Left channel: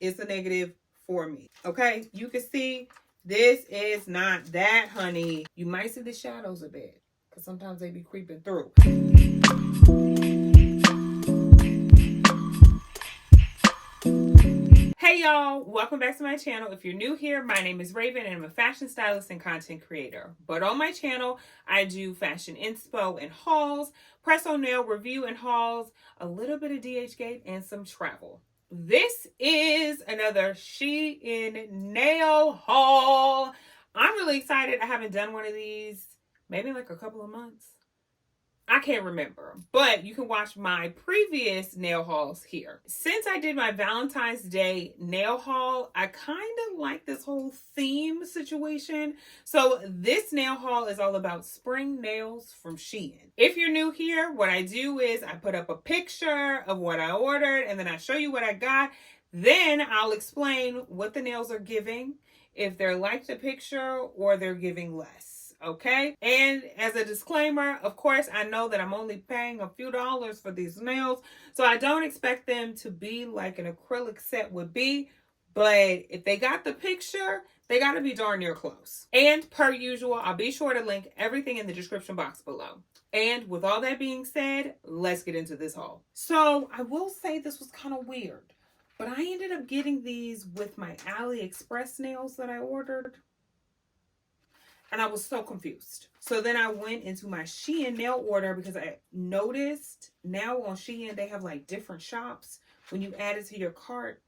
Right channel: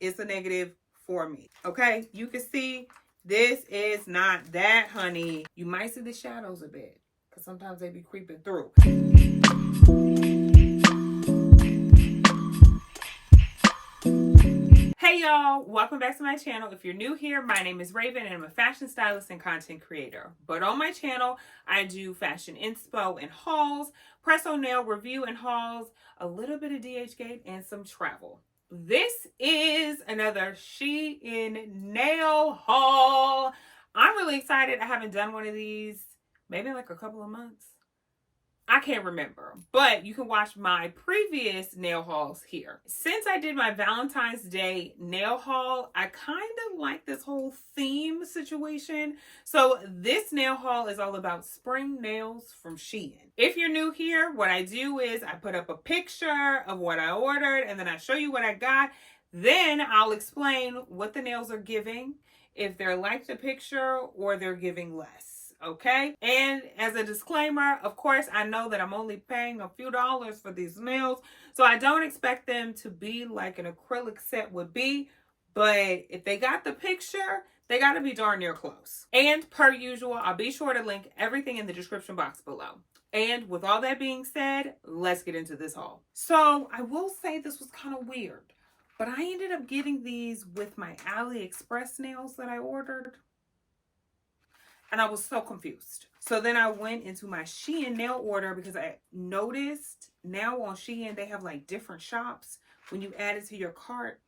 it's a negative for me. Okay, you can see this is not that, honey. You might see the shadows a bit because sometimes they be creeping through. Hey y'all, welcome back to my channel. If you're new here, my name is Raven and I'm a fashion stylist and content creator. But on my channel, I do fashion inspo and hauls, press-on nail review and hauls, a little bit of DHgate and some travel. This is another SheIn nail haul. I'm really excited. I haven't done one of these maybe in like a couple of months. I can't remember, but you can watch my previous nail hauls here. Since I did my Valentine's Day nail haul, I kind of like this whole theme situation. So this nail haul is all about spring nails from SheIn. If you're new here, what I do is I put up a picture of what I ordered and then I show you what I got. Then I'll explain what the nails are giving, if they're like the picture or they're giving less. Okay, and as a disclaimer, of course, I know that I'm only paying a few dollars for these nails, so I don't expect them to be like an acrylic set would be, but if they got the picture, they got to be darn near close. And per usual, I'll be sure to link everything in the description box below. And with all that being said, let's get into this haul. So I will say this was kind of weird, but I ended up getting these with my AliExpress nails that I ordered. And I was so confused. So then I went into my SheIn nail order because I noticed now on SheIn they have like different shops when you add it to your cart.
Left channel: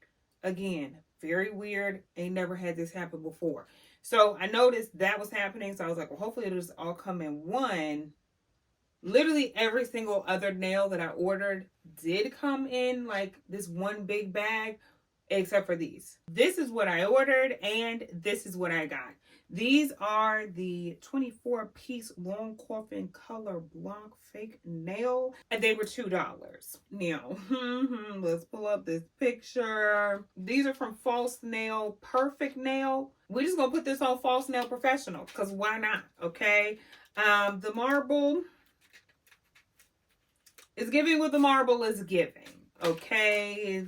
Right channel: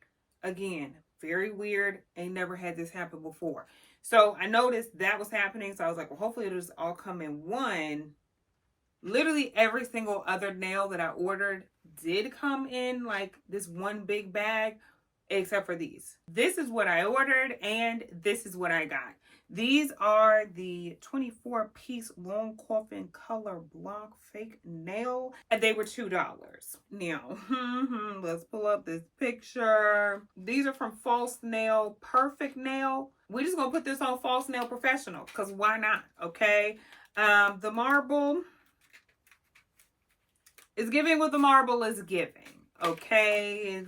Again, very weird. Ain't never had this happen before. So I noticed that was happening. So I was like, well, hopefully it'll just all come in one. Literally every single other nail that I ordered did come in like this one big bag, except for these. This is what I ordered and this is what I got. These are the 24-piece long coffin color block fake nail, and they were $2. Now, let's pull up this picture. These are from False Nail Perfect Nail. We're just gonna put this on False Nail Professional because why not? Okay. The marble is giving what the marble is giving. Okay, it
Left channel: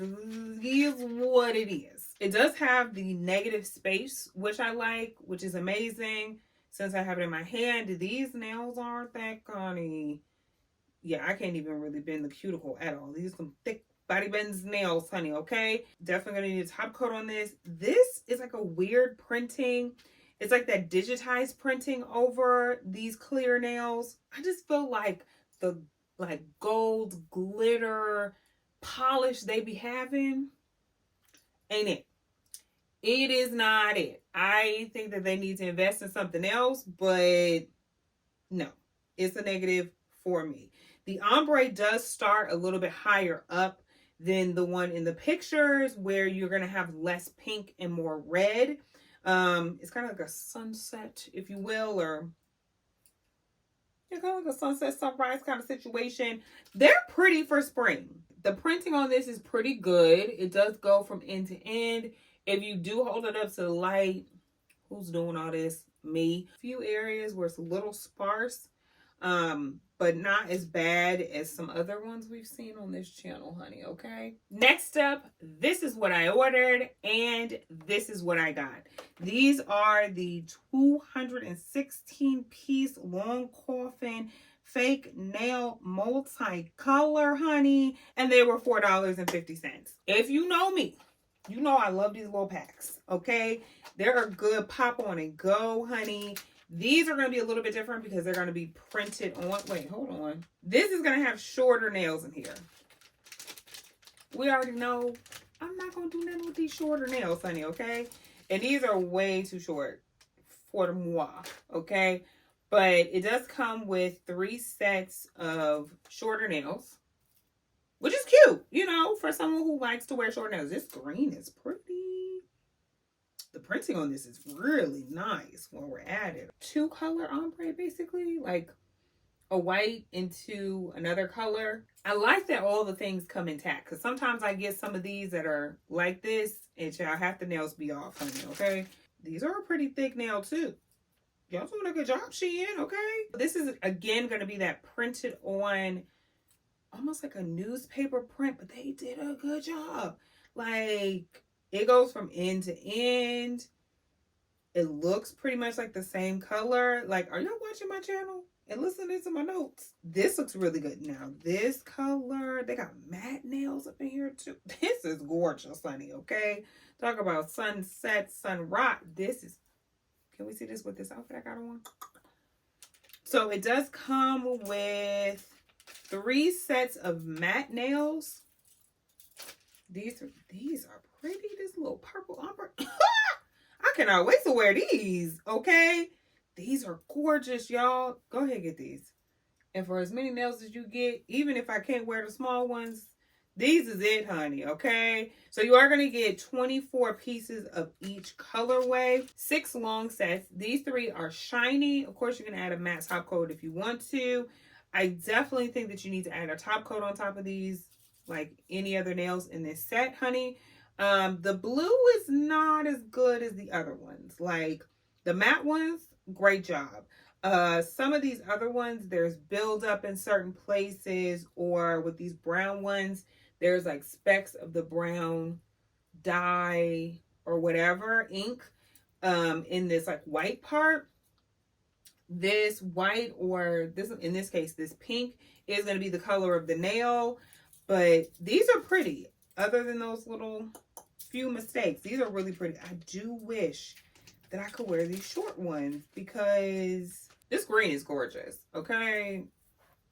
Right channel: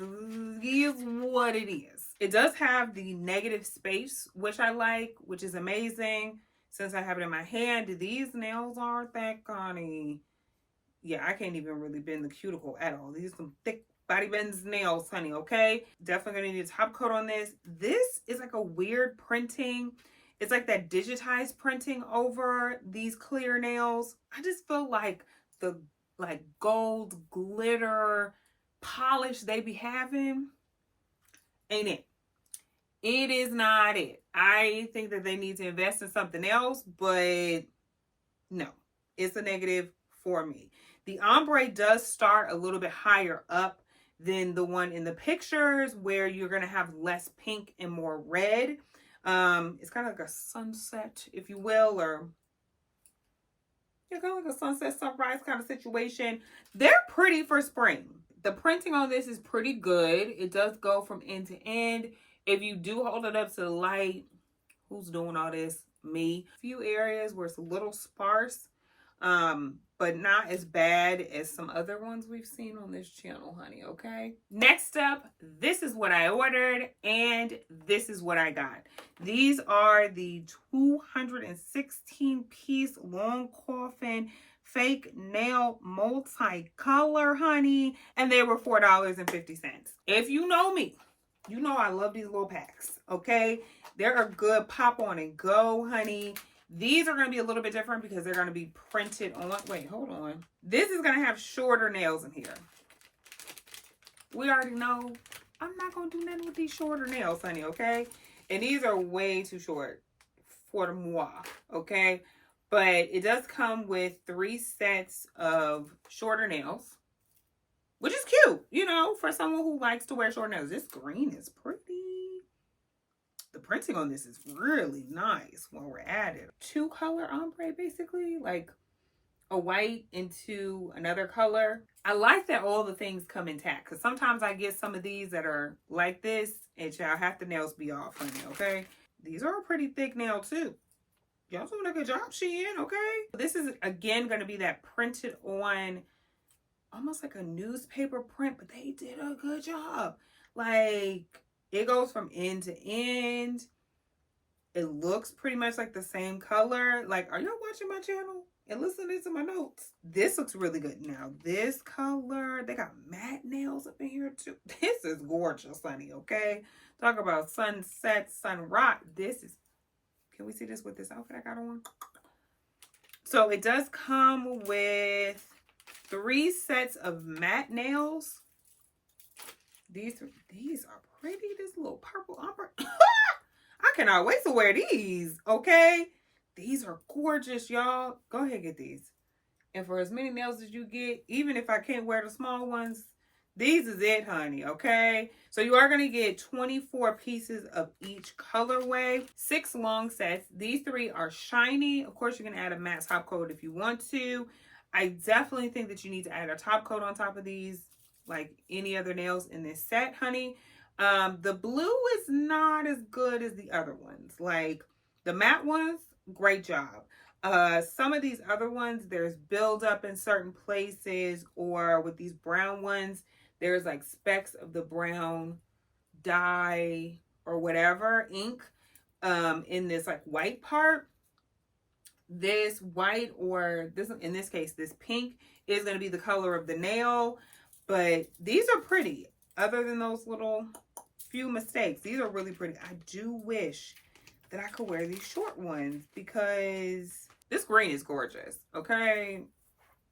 is what it is. It does have the negative space, which I like, which is amazing. Since I have it in my hand, these nails aren't that gunny. Yeah, I can't even really bend the cuticle at all. These are some thick body bends nails, honey, okay? Definitely gonna need a top coat on this. This is like a weird printing. It's like that digitized printing over these clear nails. I just feel like the gold glitter polish they be having ain't it. It is not it. I think that they need to invest in something else, but no, it's a negative for me. The ombre does start a little bit higher up than the one in the pictures where you're going to have less pink and more red. It's kind of like a sunset, if you will, or it's kind of like a sunset sunrise kind of situation. They're pretty for spring. The printing on this is pretty good. It does go from end to end. If you do hold it up to the light, who's doing all this? Me. A few areas where it's a little sparse, but not as bad as some other ones we've seen on this channel, honey, okay? Next up, this is what I ordered, and this is what I got. These are the 216-piece long coffin fake nail multicolor, honey, and they were $4.50. If you know me, you know I love these little packs, okay? They're a good pop on and go, honey. These are going to be a little bit different because they're going to be printed on. Wait, hold on. This is going to have shorter nails in here. We already know I'm not going to do nothing with these shorter nails, honey, okay? And these are way too short for the moi, okay? But it does come with 3 sets of shorter nails, which is cute, you know, for someone who likes to wear short nails. This green is pretty. The printing on this is really nice when we're at it. 2-color ombre, basically, like a white into another color. I like that all the things come intact because sometimes I get some of these that are like this and y'all have the nails be off, honey, okay? These are a pretty thick nail too. Y'all doing a good job, SheIn, okay? This is, again, going to be that printed on, almost like a newspaper print, but they did a good job. Like, It goes from end to end. It looks pretty much like the same color. Like, are y'all watching my channel and listening to my notes? This looks really good. Now, this color, they got matte nails up in here too. This is gorgeous, honey, okay? Talk about sunset, sunrise. This is, can we see this with this outfit I got on? So it does come with 3 sets of matte nails. These are pretty. This little purple ombre. I cannot wait to wear these, okay? These are gorgeous, y'all. Go ahead and get these. And for as many nails as you get, even if I can't wear the small ones, these is it, honey, okay? So you are going to get 24 pieces of each colorway, 6 long sets. These 3 are shiny. Of course, you can add a matte top coat if you want to. I definitely think that you need to add a top coat on top of these, like any other nails in this set, honey. The blue is not as good as the other ones. Like the matte ones, great job. Some of these other ones, there's buildup in certain places, or with these brown ones, there's like specks of the brown dye or whatever ink in this like white part. This white, or this, in this case, this pink is going to be the color of the nail. But these are pretty. Other than those little few mistakes, these are really pretty. I do wish that I could wear these short ones because this green is gorgeous. Okay,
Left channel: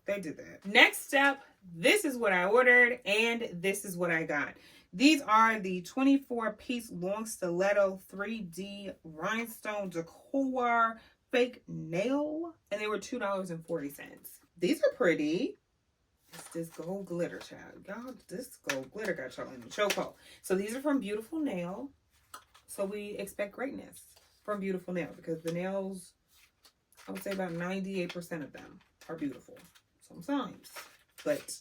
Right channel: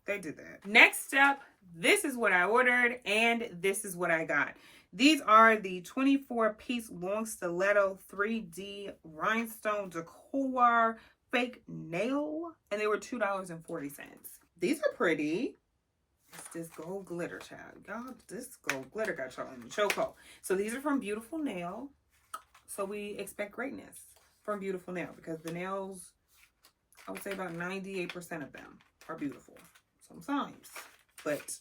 they did that. Next up, this is what I ordered and this is what I got. These are the 24-piece long stiletto 3D rhinestone decor fake nail, and they were $2.40. These are pretty. It's this gold glitter, child. Y'all, this gold glitter got y'all in the chokehold. So these are from Beautiful Nail. So we expect greatness from Beautiful Nail because the nails, I would say about 98% of them are beautiful sometimes. But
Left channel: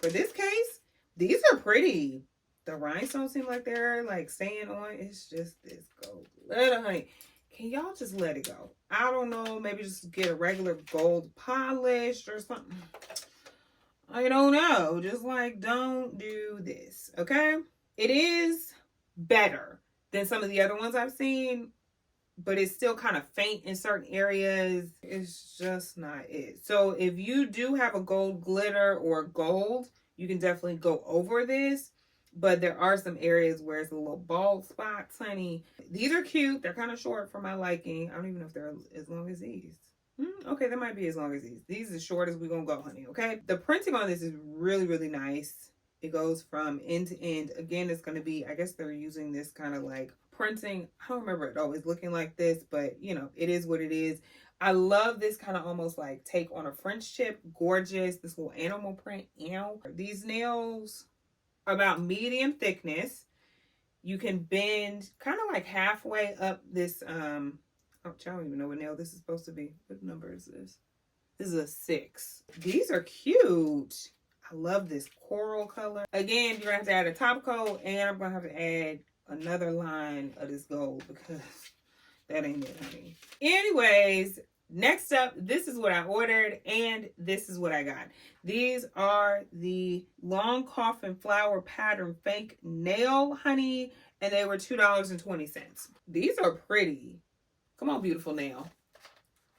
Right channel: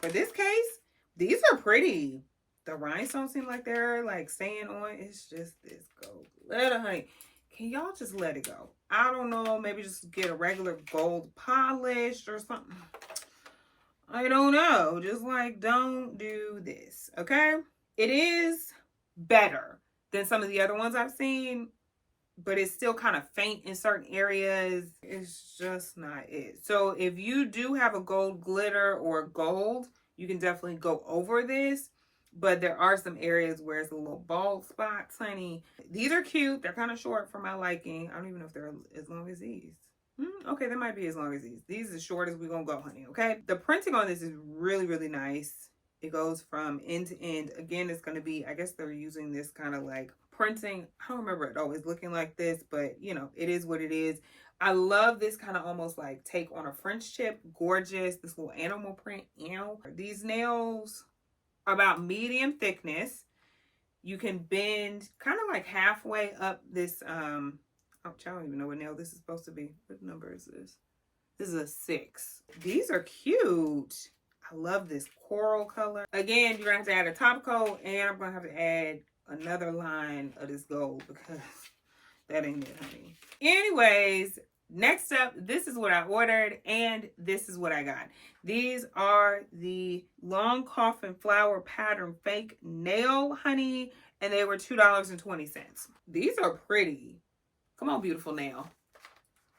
for this case, these are pretty. The rhinestones seem like they're like staying on. It's just this gold glitter, honey. Can y'all just let it go? I don't know. Maybe just get a regular gold polish or something. I don't know. Just like, don't do this, okay? It is better than some of the other ones I've seen, but it's still kind of faint in certain areas. It's just not it. So if you do have a gold glitter or gold, you can definitely go over this. But there are some areas where it's a little bald spots, honey. These are cute. They're kind of short for my liking. I don't even know if they're as long as these. Okay, they might be as long as these. These are as short as we're going to go, honey, okay? The printing on this is really, really nice. It goes from end to end. Again, it's going to be, I guess they're using this kind of like printing. I don't remember it always looking like this, but, you know, it is what it is. I love this kind of almost like take on a French tip. Gorgeous. This little animal print. These nails are about medium thickness. You can bend kind of like halfway up this, I don't even know what nail this is supposed to be. What number is this? This is a 6. These are cute. I love this coral color. Again, you're going to have to add a top coat, and I'm going to have to add another line of this gold because that ain't it, honey. Anyways, next up, this is what I ordered, and this is what I got. These are the long coffin flower pattern fake nail, honey, and they were $2.20. These are pretty. Come on, Beautiful Nail.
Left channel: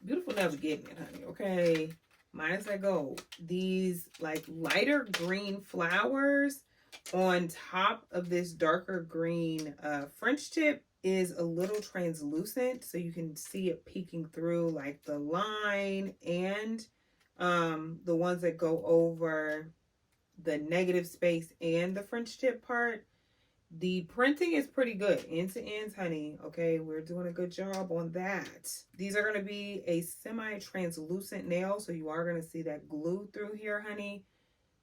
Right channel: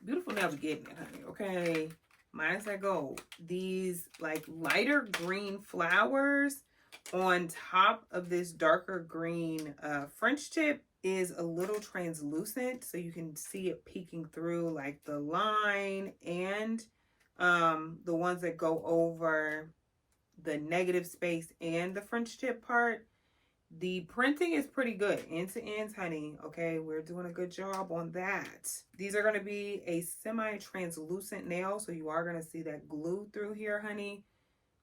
Beautiful Nail's getting it, honey, okay? Minus that gold. These, like, lighter green flowers on top of this darker green French tip is a little translucent, so you can see it peeking through, like, the line and the ones that go over the negative space and the French tip part. The printing is pretty good. End to ends, honey. Okay, we're doing a good job on that. These are going to be a semi-translucent nail, so you are going to see that glue through here, honey.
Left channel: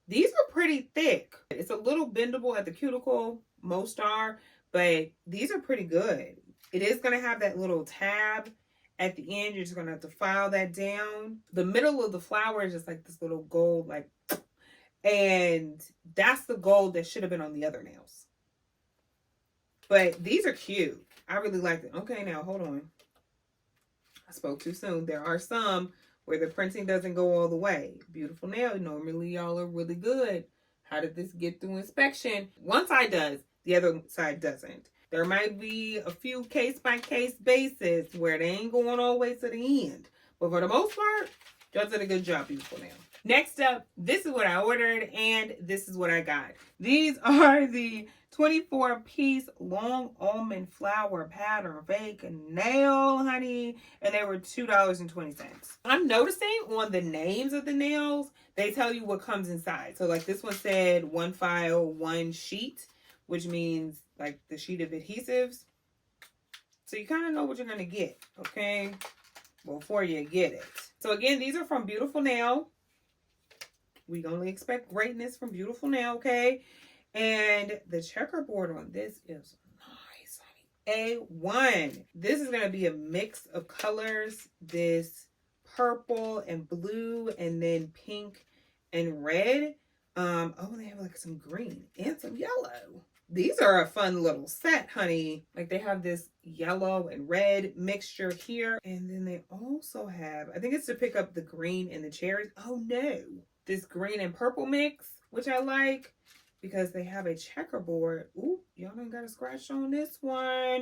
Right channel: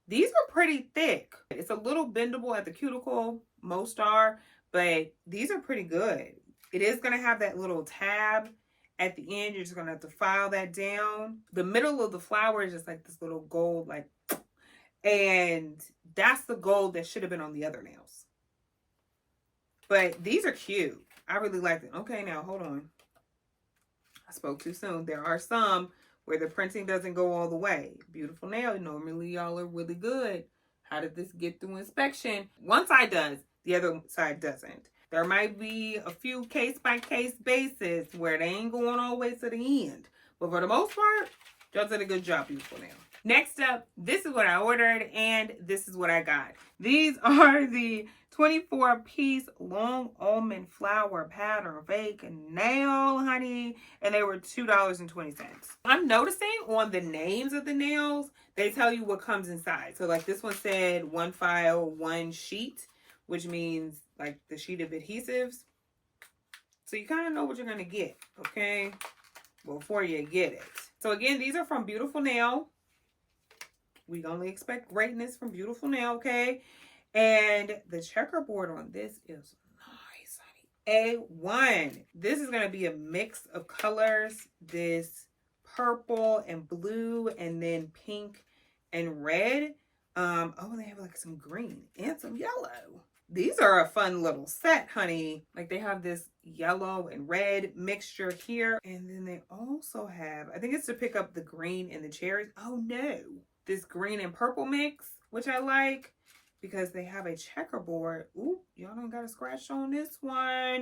These are pretty thick. It's a little bendable at the cuticle. Most are, but these are pretty good. It is going to have that little tab at the end. You're just going to have to file that down. The middle of the flower is just like this little gold, like, and that's the gold that should have been on the other nails. But these are cute. I really like them. Okay, now hold on. I spoke too soon. There are some where the printing doesn't go all the way. Beautiful Nail. Normally, y'all are really good. How did this get through inspection? One side does. The other side doesn't. There might be a few case-by-case basis where they ain't going all the way to the end. But for the most part, y'all did a good job, beautiful nail. Next up, this is what I ordered, and this is what I got. These are the 24-piece long almond flower pattern fake nail, honey, and they were $2.20. I'm noticing on the names of the nails, they tell you what comes inside. So like this one said 1 file, 1 sheet, which means like the sheet of adhesives. So you kind of know what you're going to get, okay, before you get it. So again, these are from Beautiful Nail. We only expect greatness from Beautiful Nail, okay? And the checkerboard on this is nice, honey. A1. This is going to be a mix of colors. This purple and blue and then pink and red. Oh, they have like some green and some yellow. These are a fun little set, honey. Like they have this yellow and red mixture here. And then they also have, I think it's to pick up the green and the cherries. Oh no. This green and purple mix, which I like because they have a checkerboard. Ooh, y'all done got a scratch on this one. I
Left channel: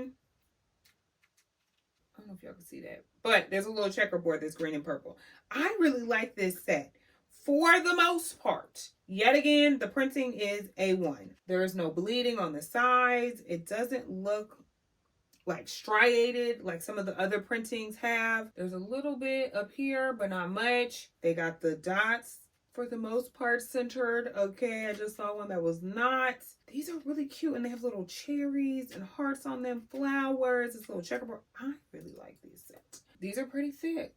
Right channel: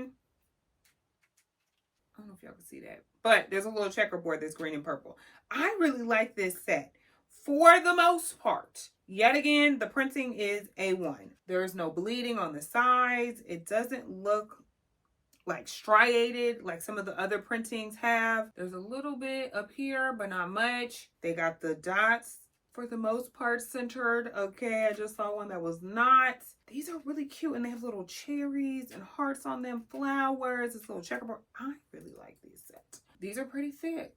don't know if y'all can see that. But there's a little checkerboard that's green and purple. I really like this set for the most part. Yet again, the printing is A1. There is no bleeding on the sides. It doesn't look like striated like some of the other printings have. There's a little bit up here, but not much. They got the dots for the most part centered. Okay, I just saw one that was not. These are really cute, and they have little cherries and hearts on them, flowers, this little checkerboard. I really like these sets. These are pretty thick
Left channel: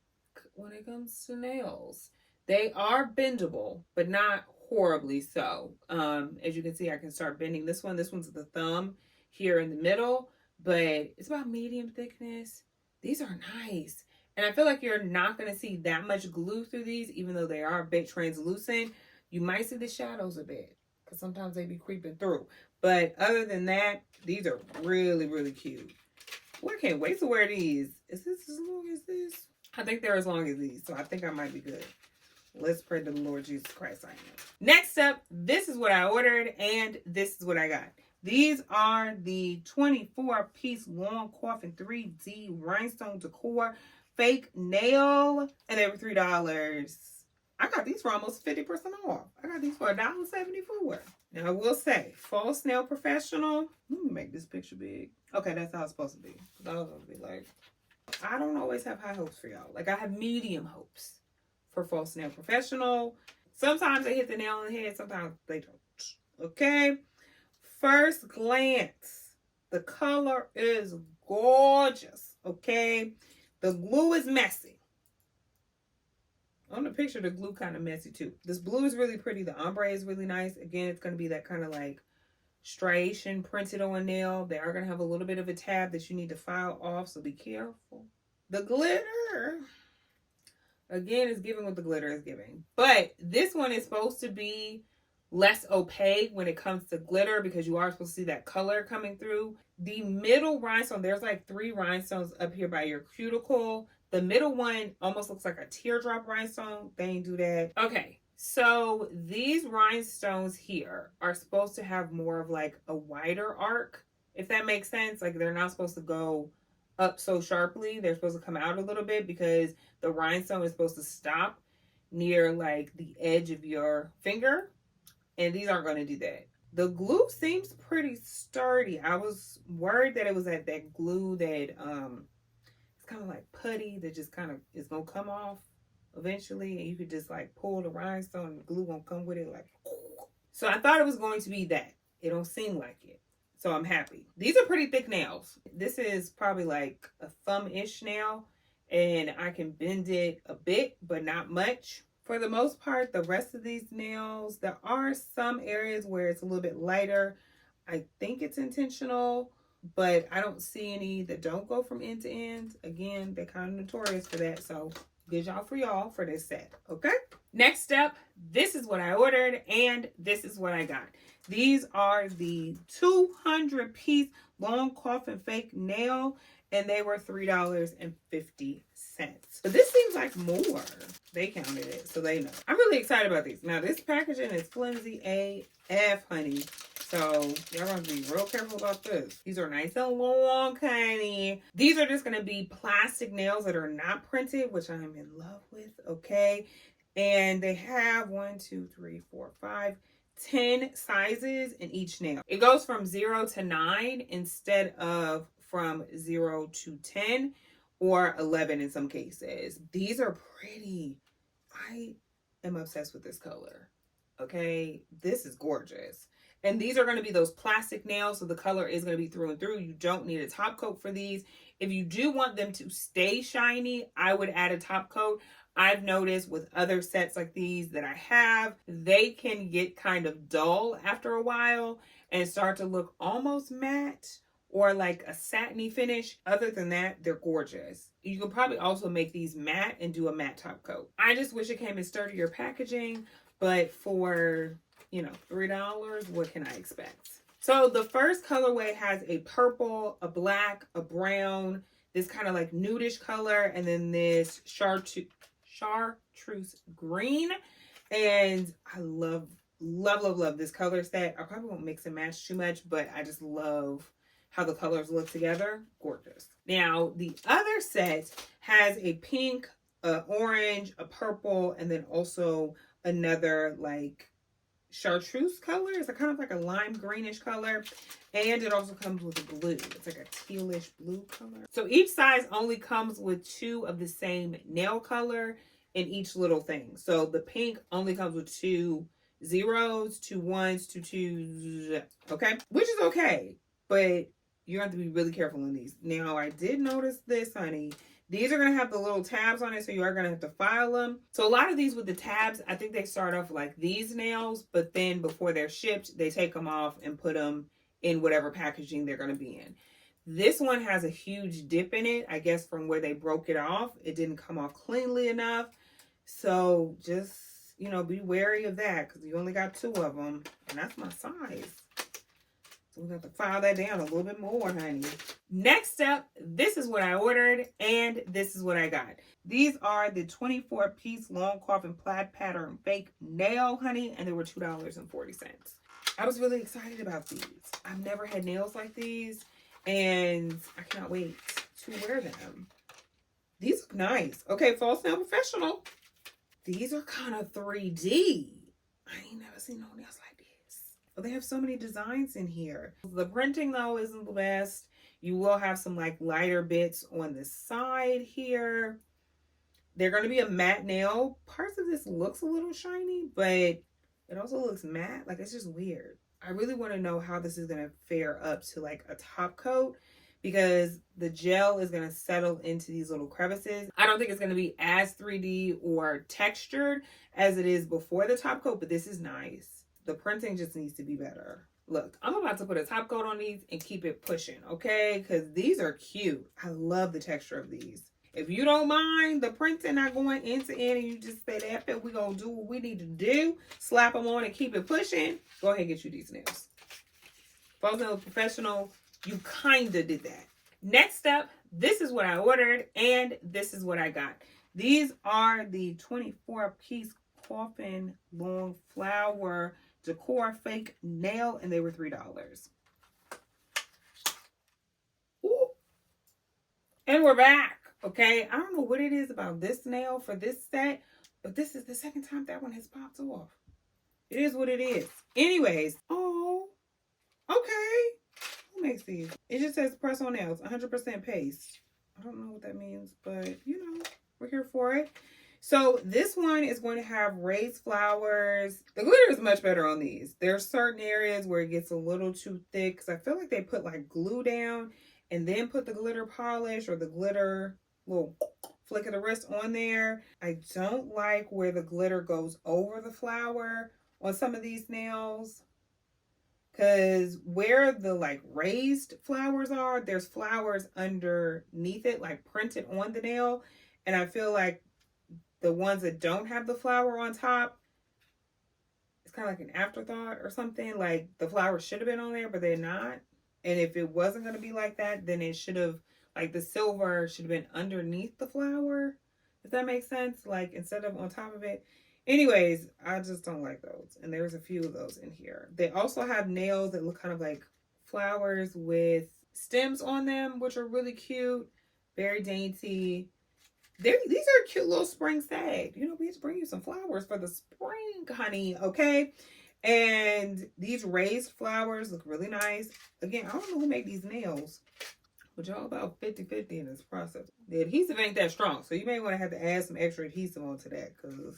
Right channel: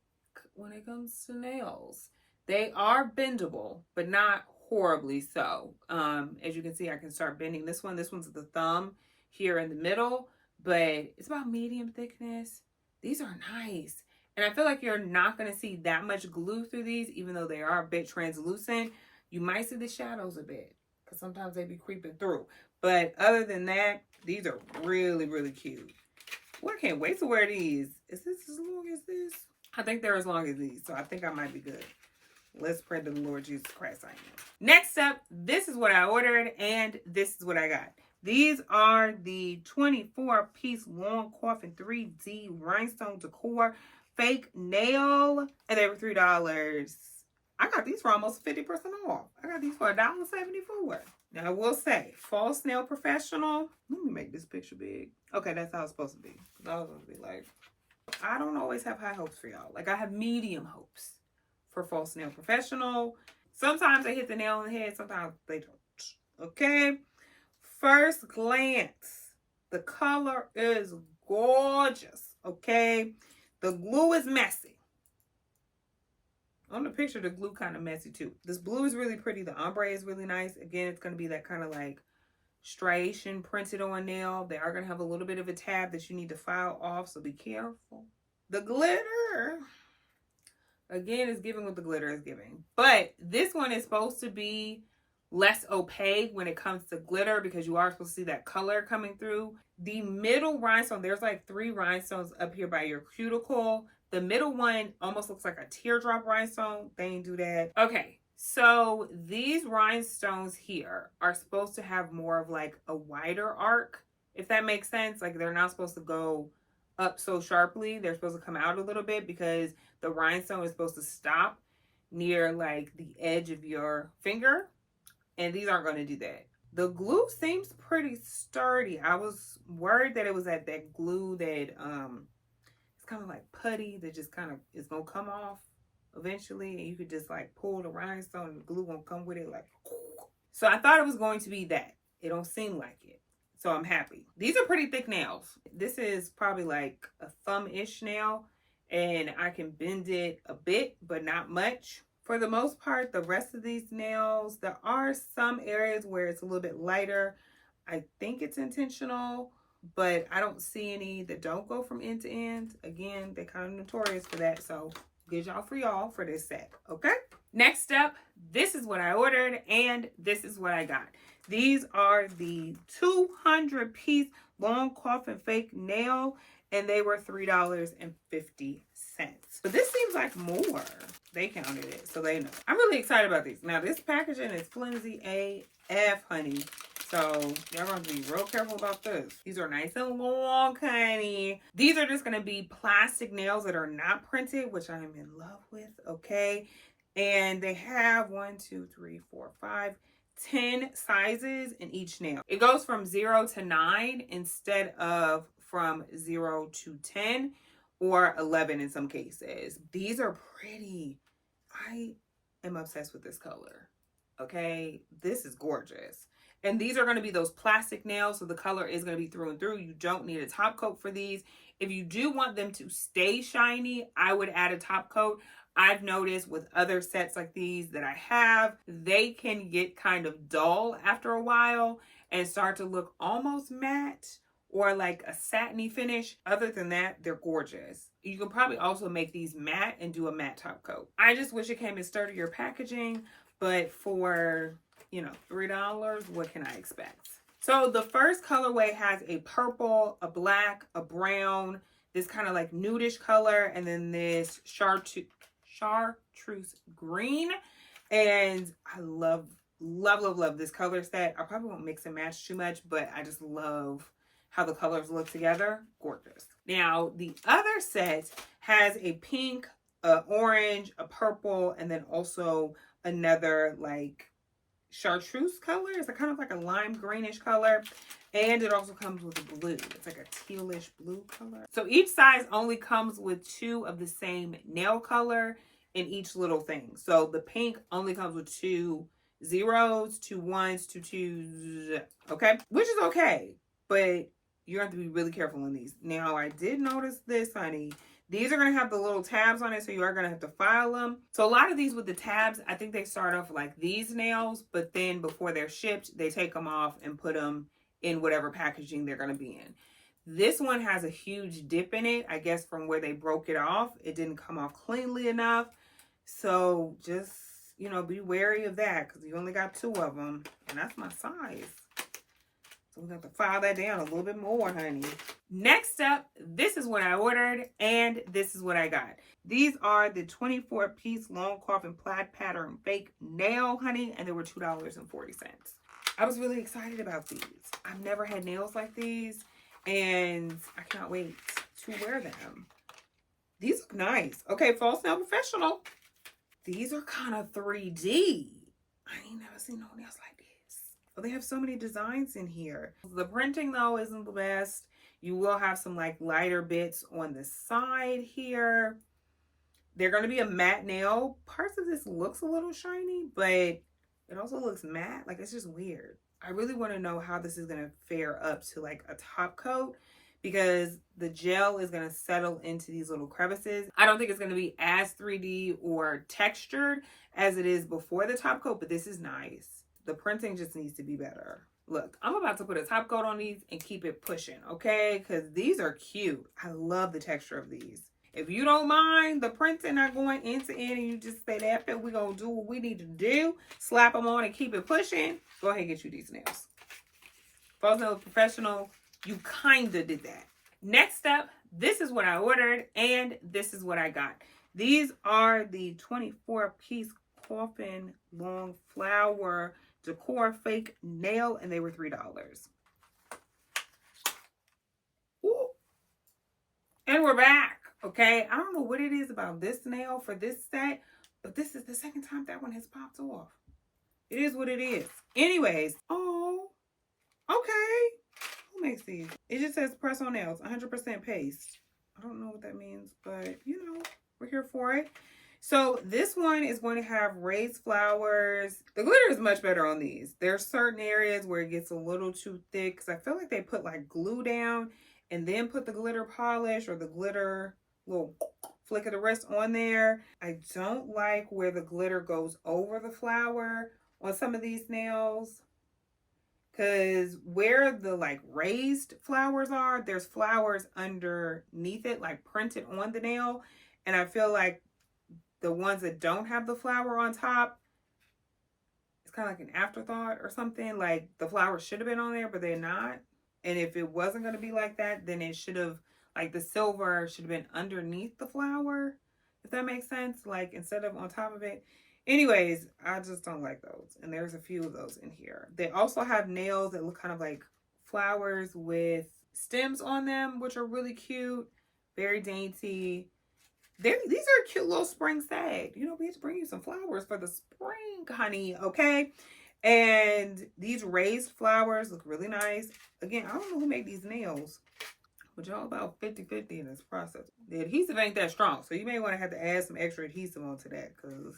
when it comes to nails. They are bendable, but not horribly so. As you can see, I can start bending this one. This one's the thumb here in the middle, but it's about medium thickness. These are nice. And I feel like you're not going to see that much glue through these, even though they are a bit translucent. You might see the shadows a bit, because sometimes they be creeping through. But other than that, these are really, really cute. Well, I can't wait to wear these. Is this as long as this? I think they're as long as these, so I think I might be good. Let's pray to the Lord Jesus Christ I am. Next up, this is what I ordered, and this is what I got. These are the 24-piece long coffin 3D rhinestone decor fake nail, and they were $3. I got these for almost 50% off. I got these for $1.74. Now I will say, false nail professional. Let me make this picture big. Okay, that's how it's supposed to be. Because I was going to be like, I don't always have high hopes for y'all. Like I have medium hopes for false nail professional. Sometimes they hit the nail on the head, sometimes they don't. Okay. First glance, the color is gorgeous. Okay. The glue is messy. On the picture, the glue kind of messy too. This blue is really pretty. The ombre is really nice. Again, it's going to be that kind of like striation printed on nail. They are going to have a little bit of a tab that you need to file off, so be careful. The glitter, again, is giving what the glitter is giving. But this one is supposed to be less opaque when it comes to glitter because you are supposed to see that color coming through. The middle rhinestone, there's like 3 rhinestones up here by your cuticle. The middle one almost looks like a teardrop rhinestone. They ain't do that. Okay, so these rhinestones here are supposed to have more of like a wider arc, if that makes sense. Like they're not supposed to go up so sharply. They're supposed to come out a little bit because the rhinestone is supposed to stop near like the edge of your finger. And these aren't going to do that. The glue seems pretty sturdy. I was worried that it was that glue that it's kind of like putty that just kind of is going to come off eventually. And you could just like pull the rhinestone and the glue won't come with it. Like, so I thought it was going to be that. It don't seem like it. So I'm happy. These are pretty thick nails. This is probably like a thumb-ish nail. And I can bend it a bit, but not much. For the most part, the rest of these nails, there are some areas where it's a little bit lighter. I think it's intentional, but I don't see any that don't go from end to end. Again, they're kind of notorious for that. So good job for y'all for this set, okay? Next up, this is what I ordered and this is what I got. These are the 200-piece long coffin fake nail, and they were $3.50. But this seems like more. They counted it, so they know. I'm really excited about these. Now, this packaging is flimsy AF, honey. So, y'all gonna be real careful about this. These are nice and long, honey. These are just gonna be plastic nails that are not printed, which I'm in love with, okay? And they have 10 sizes in each nail. It goes from 0 to 9 instead of from 0 to 10 or 11 in some cases. These are pretty. I am obsessed with this color. Okay, this is gorgeous. And these are going to be those plastic nails, so the color is going to be through and through. You don't need a top coat for these. If you do want them to stay shiny, I would add a top coat. I've noticed with other sets like these that I have, they can get kind of dull after a while and start to look almost matte or like a satiny finish. Other than that, they're gorgeous. You can probably also make these matte and do a matte top coat. I just wish it came in sturdier packaging, but for, you know, $3, what can I expect? So the first colorway has a purple, a black, a brown, this kind of like nudish color, and then this chartreuse green. And I love this color set. I probably won't mix and match too much, but I just love how the colors look together. Gorgeous. Now, the other set has a pink, a orange, a purple, and then also another like chartreuse color. It's kind of like a lime greenish color. And it also comes with a blue. It's like a tealish blue color. So each size only comes with 2 of the same nail color in each little thing. So the pink only comes with 2 zeros, 2 ones, 2 twos. Okay? Which is okay. But you have to be really careful in these. Now, I did notice this, honey. These are going to have the little tabs on it, so you are going to have to file them. So a lot of these with the tabs, I think they start off like these nails, but then before they're shipped, they take them off and put them in whatever packaging they're going to be in. This one has a huge dip in it. I guess from where they broke it off, it didn't come off cleanly enough. So just, you know, be wary of that because you only got 2 of them, and that's my size. So we have to file that down a little bit more, honey. Next up, this is what I ordered, and this is what I got. These are the 24-piece long coffin plaid pattern fake nail, honey, and they were $2.40. I was really excited about these. I've never had nails like these, and I cannot wait to wear them. These look nice. Okay, False Nail Professional. These are kind of 3D. I ain't never seen no nails like this. But they have so many designs in here. The printing, though, isn't the best. You will have some like lighter bits on the side here. They're going to be a matte nail. Parts of this looks a little shiny, but it also looks matte. Like, it's just weird. I really want to know how this is going to fare up to like a top coat because the gel is going to settle into these little crevices. I don't think it's going to be as 3D or textured as it is before the top coat, but this is nice. The printing just needs to be better. Look, I'm about to put a top coat on these and keep it pushing, okay? Because these are cute. I love the texture of these. If you don't mind the printing not going end to end and you just say, that fit, we're going to do what we need to do, slap them on and keep it pushing, go ahead and get you these nails. False Nail Professional, you kind of did that. Next up, this is what I ordered and this is what I got. These are the 24-piece coffin long flower decor fake nail, and they were $3. Ooh. And we're back. Okay, I don't know what it is about this nail for this set, but this is the second time that one has popped off. It is what it is. Anyways, oh, okay. Who makes these? It just says press on nails, 100% paste. I don't know what that means, but you know, we're here for it. So this one is going to have raised flowers. The glitter is much better on these. There's certain areas where it gets a little too thick because I feel like they put like glue down and then put the glitter polish or the glitter little flick of the wrist on there. I don't like where the glitter goes over the flower on some of these nails because where the like raised flowers are, there's flowers underneath it, like printed on the nail. And I feel like the ones that don't have the flower on top, it's kind of like an afterthought or something. Like the flowers should have been on there, but they're not. And if it wasn't going to be like that, then it should have, like the silver should have been underneath the flower, if that makes sense. Like instead of on top of it. Anyways, I just don't like those. And there's a few of those in here. They also have nails that look kind of like flowers with stems on them, which are really cute. Very dainty. These are cute little spring sag. You know, we have to bring you some flowers for the spring, honey, okay? And these raised flowers look really nice. Again, I don't know who made these nails, but y'all about 50-50 in this process. The adhesive ain't that strong, so you may want to have to add some extra adhesive onto that because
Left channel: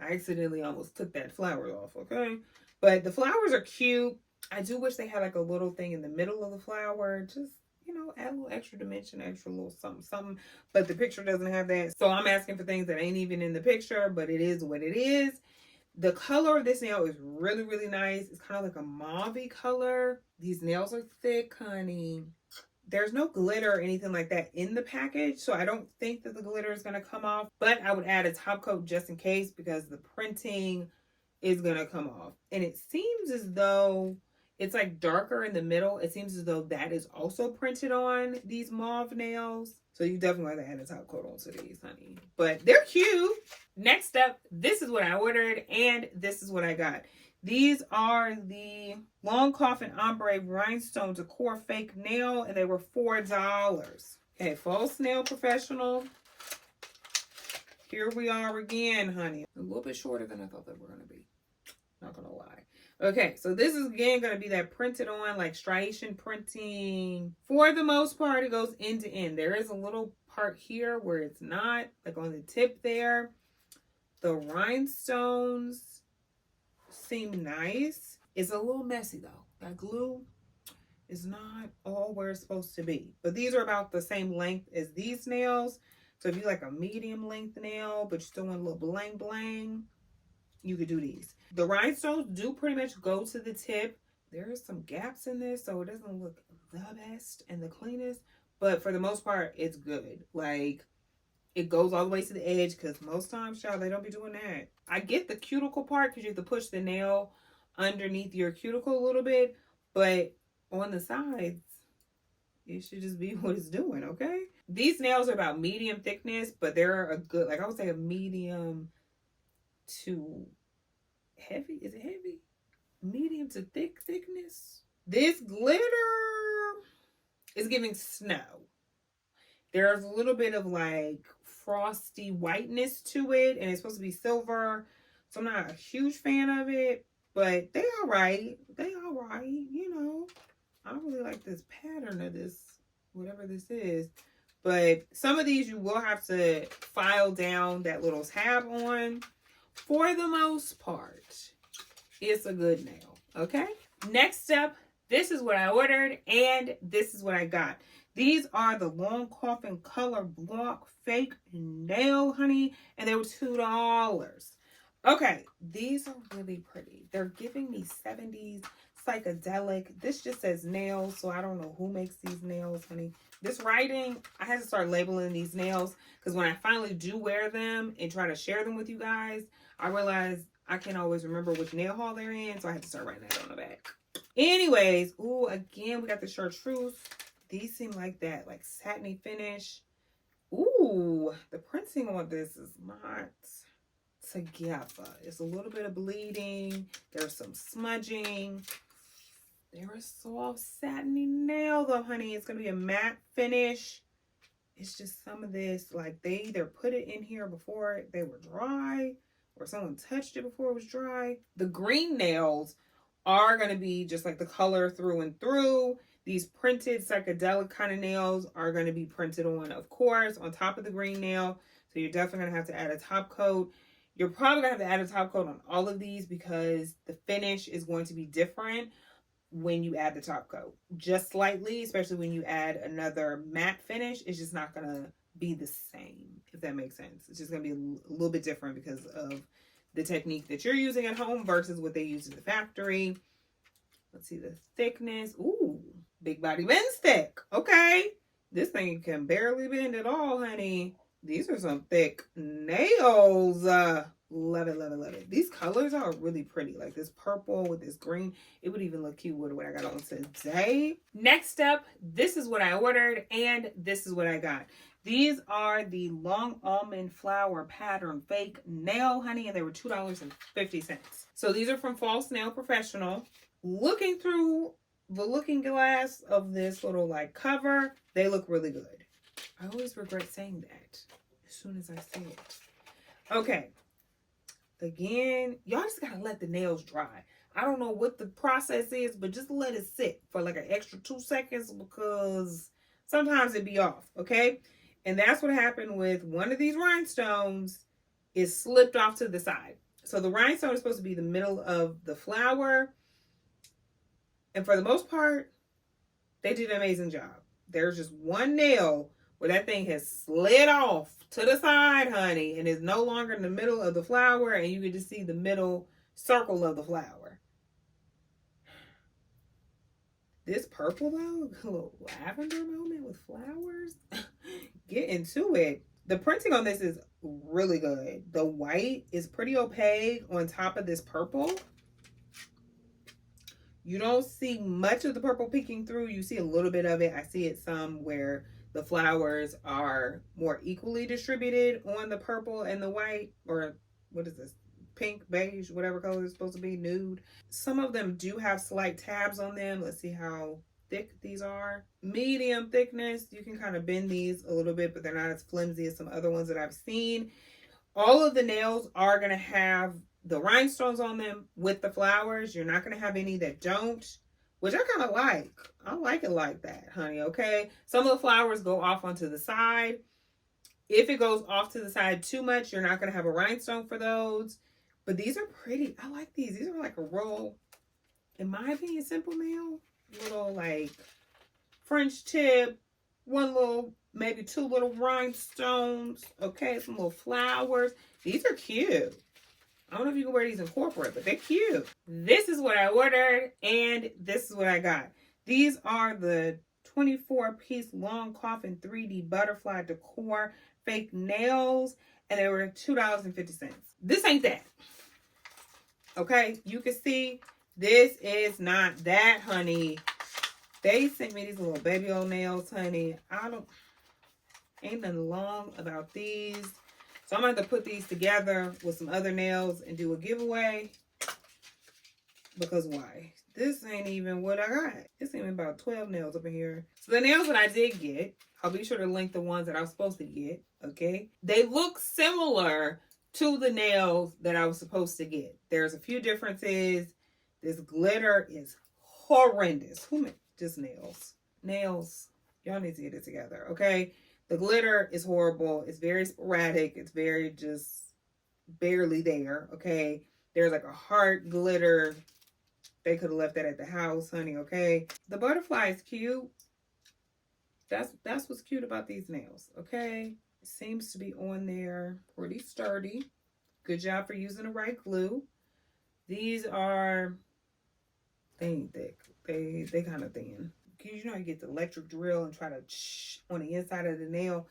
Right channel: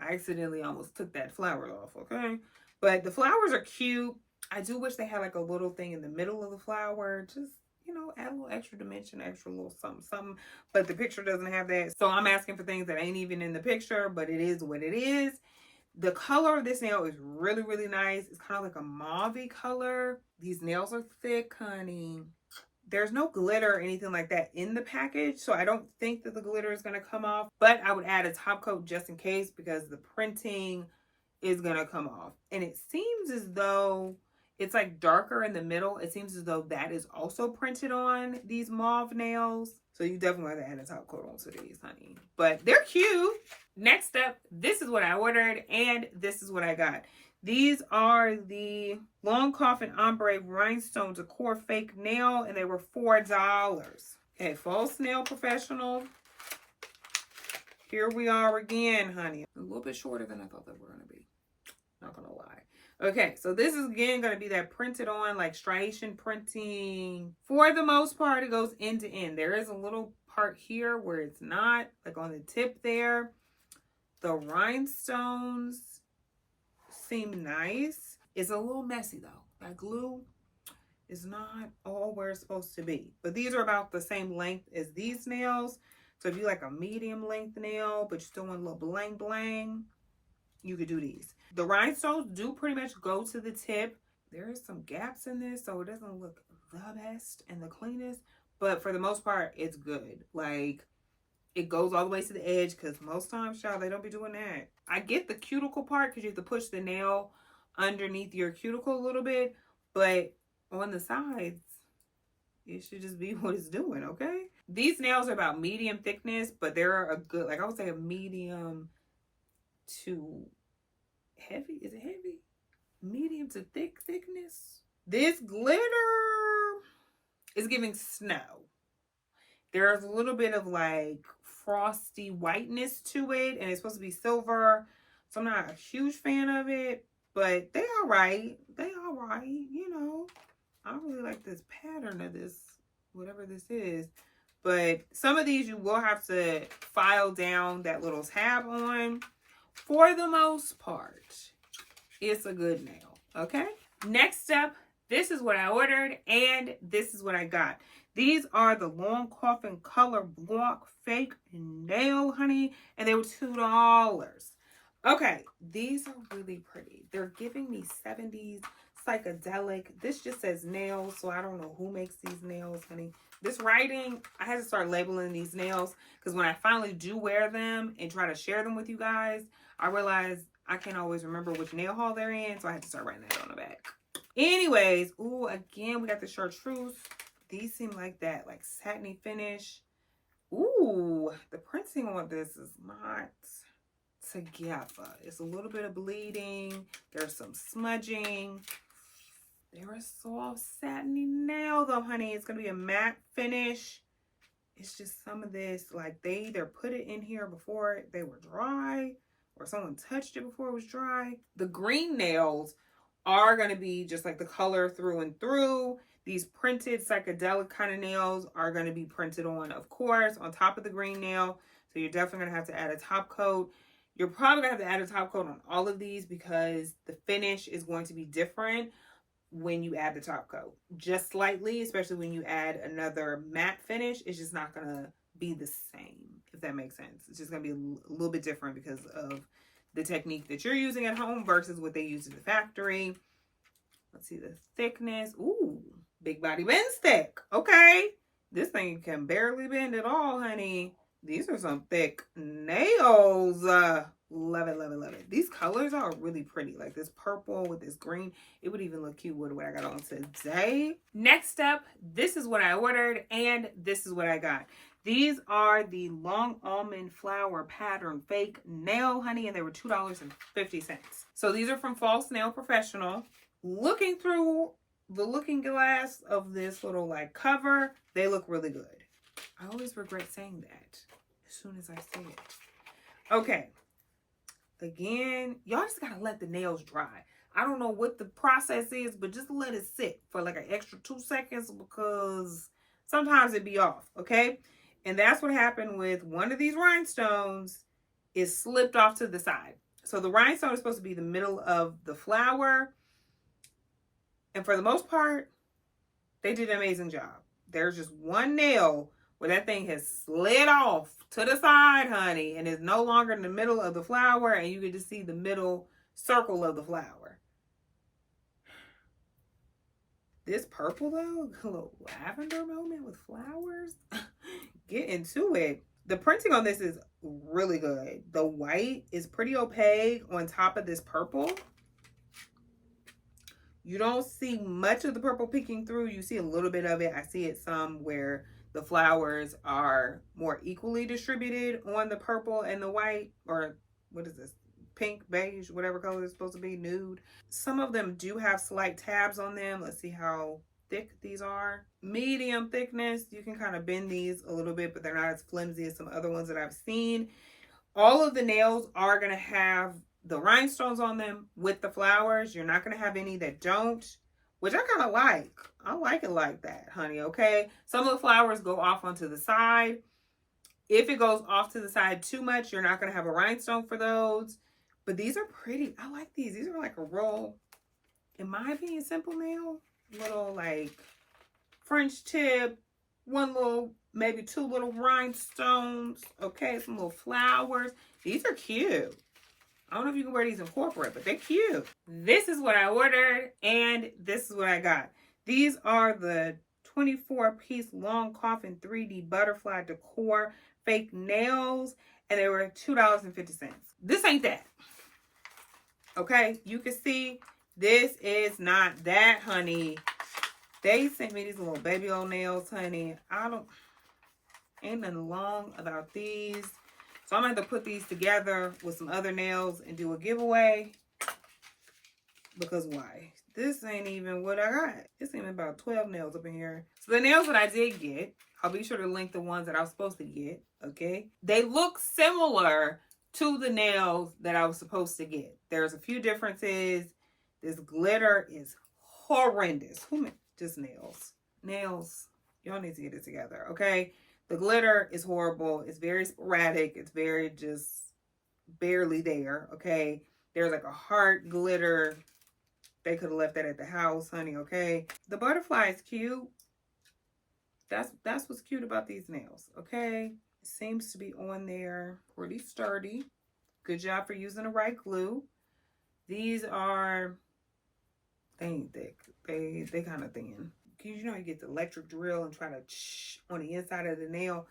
I accidentally almost took that flower off, okay? But the flowers are cute. I do wish they had like a little thing in the middle of the flower. Just, you know, add a little extra dimension, extra little something, something. But the picture doesn't have that. So I'm asking for things that ain't even in the picture, but it is what it is. The color of this nail is really, really nice. It's kind of like a mauve-y color. These nails are thick, honey. There's no glitter or anything like that in the package, so I don't think that the glitter is going to come off. But I would add a top coat just in case because the printing is going to come off. And it seems as though it's like darker in the middle. It seems as though that is also printed on these mauve nails. So you definitely have to add a top coat onto these, honey. But they're cute. Next up, this is what I ordered and this is what I got. These are the Long Coffin Ombre Rhinestone Decor Fake Nail, and they were $4. Okay, false nail professional. Here we are again, honey. A little bit shorter than I thought they were going to be. Not going to lie. Okay, so this is again going to be that printed on, like striation printing. For the most part, it goes end to end. There is a little part here where it's not, like on the tip there. The rhinestones seem nice. It's a little messy though. That glue is not all where it's supposed to be. But these are about the same length as these nails. So if you like a medium length nail, but you still want a little bling bling, you could do these. The rhinestones do pretty much go to the tip. There is some gaps in this, so it doesn't look the best and the cleanest. But for the most part, it's good. Like, it goes all the way to the edge because most times, y'all, they don't be doing that. I get the cuticle part because you have to push the nail underneath your cuticle a little bit. But on the sides, it should just be what it's doing, okay? These nails are about medium thickness, but they're a good, like I would say a medium to heavy. Is it heavy? Medium to thickness. This glitter is giving snow. There's a little bit of like frosty whiteness to it, and it's supposed to be silver, so I'm not a huge fan of it, but they all right. They all right, you know. I don't really like this pattern of this, whatever this is, but some of these you will have to file down that little tab on. For the most part, it's a good nail, okay? Next up, this is what I ordered, and this is what I got. These are the Long Coffin Color Block Fake Nail, honey, and they were $2. Okay, these are really pretty. They're giving me 70s psychedelic. This just says nails, so I don't know who makes these nails, honey. This writing, I had to start labeling these nails because when I finally do wear them and try to share them with you guys, I realized I can't always remember which nail haul they're in, so I had to start writing that on the back. Anyways, ooh, again, we got the chartreuse. These seem like that, like satiny finish. Ooh, the printing on this is not together. It's a little bit of bleeding. There's some smudging. They're a soft satiny nail though, honey. It's going to be a matte finish. It's just some of this, like they either put it in here before they were dry or someone touched it before it was dry. The green nails are going to be just like the color through and through. These printed psychedelic kind of nails are going to be printed on, of course, on top of the green nail. So you're definitely going to have to add a top coat. You're probably going to have to add a top coat on all of these because the finish is going to be different when you add the top coat. Just slightly, especially when you add another matte finish, it's just not going to be the same, if that makes sense. It's just going to be a little bit different because of the technique that you're using at home versus what they use in the factory. Let's see the thickness. Ooh, big body bend stick. Okay. This thing can barely bend at all, honey. These are some thick nails. Love it, love it, love it. These colors are really pretty. Like this purple with this green. It would even look cute with what I got on today. Next up, this is what I ordered and this is what I got. These are the long almond flower pattern fake nail, honey, and they were $2.50. So these are from False Nail Professional. Looking through the looking glass of this little like cover, they look really good. I always regret saying that as soon as I say it. Okay. Again, y'all just gotta let the nails dry. I don't know what the process is, but just let it sit for like an extra 2 seconds because sometimes it be off, okay? And that's what happened with one of these rhinestones. Is slipped off to the side. So the rhinestone is supposed to be the middle of the flower. And for the most part, they did an amazing job. There's just one nail where that thing has slid off to the side, honey, and is no longer in the middle of the flower, and you can just see the middle circle of the flower. This purple, though, a little lavender moment with flowers. Get into it. The printing on this is really good. The white is pretty opaque on top of this purple. You don't see much of the purple peeking through. You see a little bit of it. I see it some where the flowers are more equally distributed on the purple and the white, or what is this? Pink, beige, whatever color it's supposed to be, nude. Some of them do have slight tabs on them. Let's see how thick these are. Medium thickness. You can kind of bend these a little bit, but they're not as flimsy as some other ones that I've seen. All of the nails are going to have the rhinestones on them with the flowers. You're not going to have any that don't, which I kind of like. I like it like that, honey, okay? Some of the flowers go off onto the side. If it goes off to the side too much, you're not going to have a rhinestone for those. But these are pretty. I like these. These are like a roll, in my opinion, simple nail. Little like French tip, one little, maybe 2 little rhinestones, okay? Some little flowers. These are cute. I don't know if you can wear these in corporate, but they're cute. This is what I ordered, and this is what I got. These are the 24-piece long coffin 3D butterfly decor fake nails, and they were $2.50. This ain't that. Okay, you can see this is not that, honey. They sent me these little baby old nails, honey. Ain't nothing long about these. So I'm going to have to put these together with some other nails and do a giveaway. Because why? This ain't even what I got. It's even about 12 nails up in here. So the nails that I did get, I'll be sure to link the ones that I was supposed to get, okay? They look similar to the nails that I was supposed to get. There's a few differences. This glitter is horrendous. Who made just nails? Nails. Y'all need to get it together, okay? The glitter is horrible. It's very sporadic. It's very just barely there, okay? There's like a heart glitter. They could have left that at the house, honey, okay? The butterfly is cute. That's what's cute about these nails, okay? It seems to be on there pretty sturdy. Good job for using the right glue. These are, they ain't thick. They kind of thin. You know, you get the electric drill and try to on the inside of the nail.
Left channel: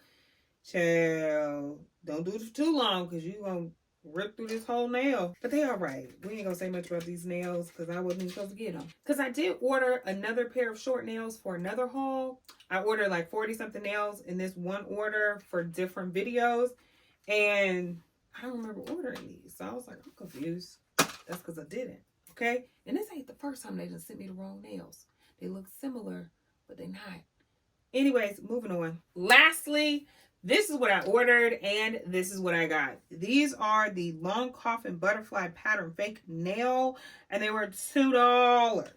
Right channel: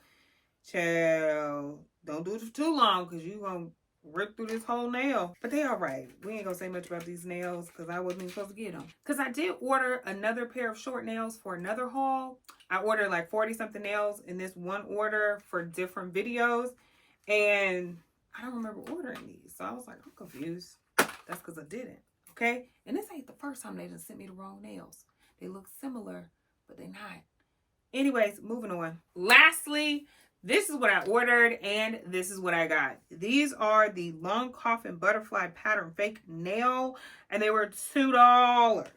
Child, don't do it for too long because you're going to rip through this whole nail. But they all right. We ain't going to say much about these nails because I wasn't even supposed to get them. Because I did order another pair of short nails for another haul. I ordered like 40-something nails in this one order for different videos. And I don't remember ordering these. So I was like, I'm confused. That's because I didn't. Okay? And this ain't the first time they just sent me the wrong nails. They look similar, but they're not. Anyways, moving on. Lastly, this is what I ordered, and this is what I got. These are the long coffin butterfly pattern fake nail, and they were $2.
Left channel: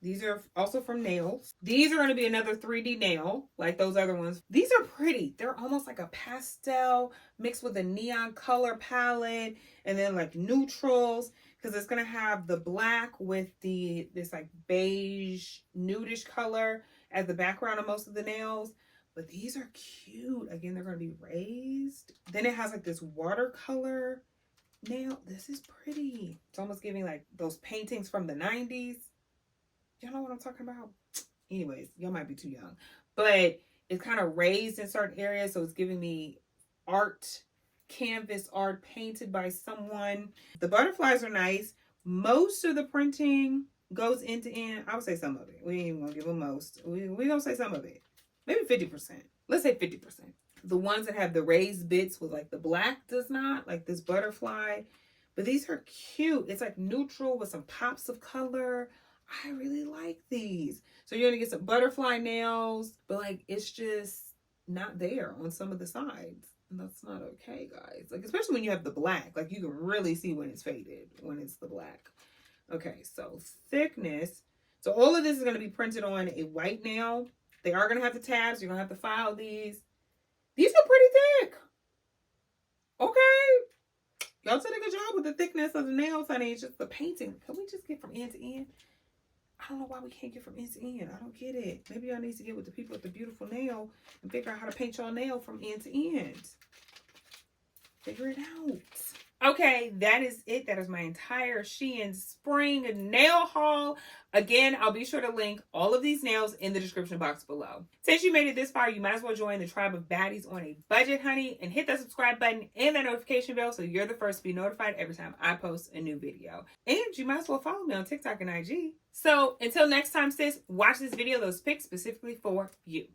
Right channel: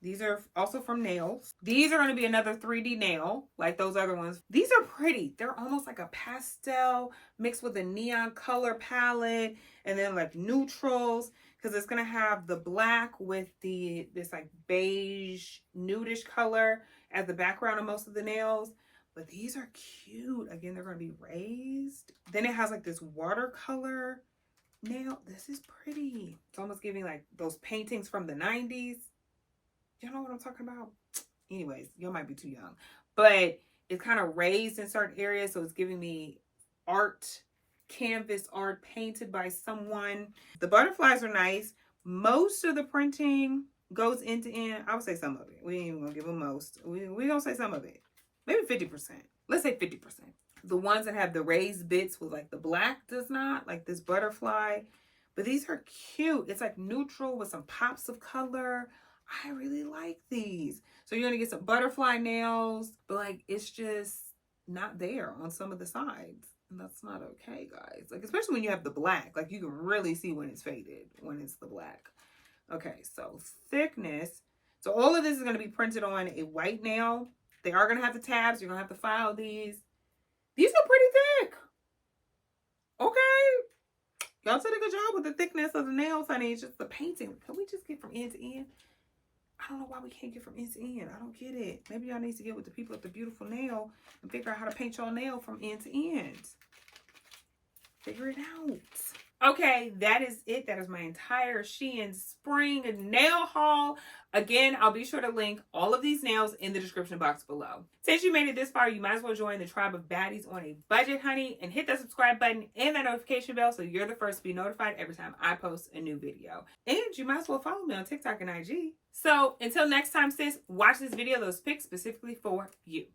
These are also from Nails. These are going to be another 3D nail, like those other ones. These are pretty. They're almost like a pastel mixed with a neon color palette, and then like neutrals. Because it's going to have the black with this like beige nudish color as the background of most of the nails. But these are cute. Again, they're going to be raised. Then it has like this watercolor nail. This is pretty. It's almost giving like those paintings from the 90s. Y'all know what I'm talking about? Anyways, y'all might be too young. But it's kind of raised in certain areas. So it's giving me art canvas art painted by someone. The butterflies are nice. Most of the printing goes end to end. I would say some of it. We ain't even gonna give them most. We gonna say some of it. Maybe 50%. Let's say 50%. The ones that have the raised bits with like the black does not, like this butterfly. But these are cute. It's like neutral with some pops of color. I really like these. So you're gonna get some butterfly nails, but like it's just not there on some of the sides. And that's not okay, guys. Like, especially when you have the black. Like, you can really see when it's faded, when it's the black. Okay, so thickness. So all of this is going to be printed on a white nail. They are going to have the tabs. You're going to have to file these. These are pretty thick. Okay. Y'all did a good job with the thickness of the nails, honey. It's just the painting. Can we just get from end to end? I don't know why we can't get from end to end. I don't get it. Maybe y'all need to get with the people at the Beautiful Nail and figure out how to paint your nail from end to end. Figure it out. Okay, that is it. That is my entire SheIn spring nail haul. Again, I'll be sure to link all of these nails in the description box below. Since you made it this far, you might as well join the tribe of baddies on a budget, honey, and hit that subscribe button and that notification bell so you're the first to be notified every time I post a new video. And you might as well follow me on TikTok and IG. So until next time, sis, watch this video, those pics specifically for you.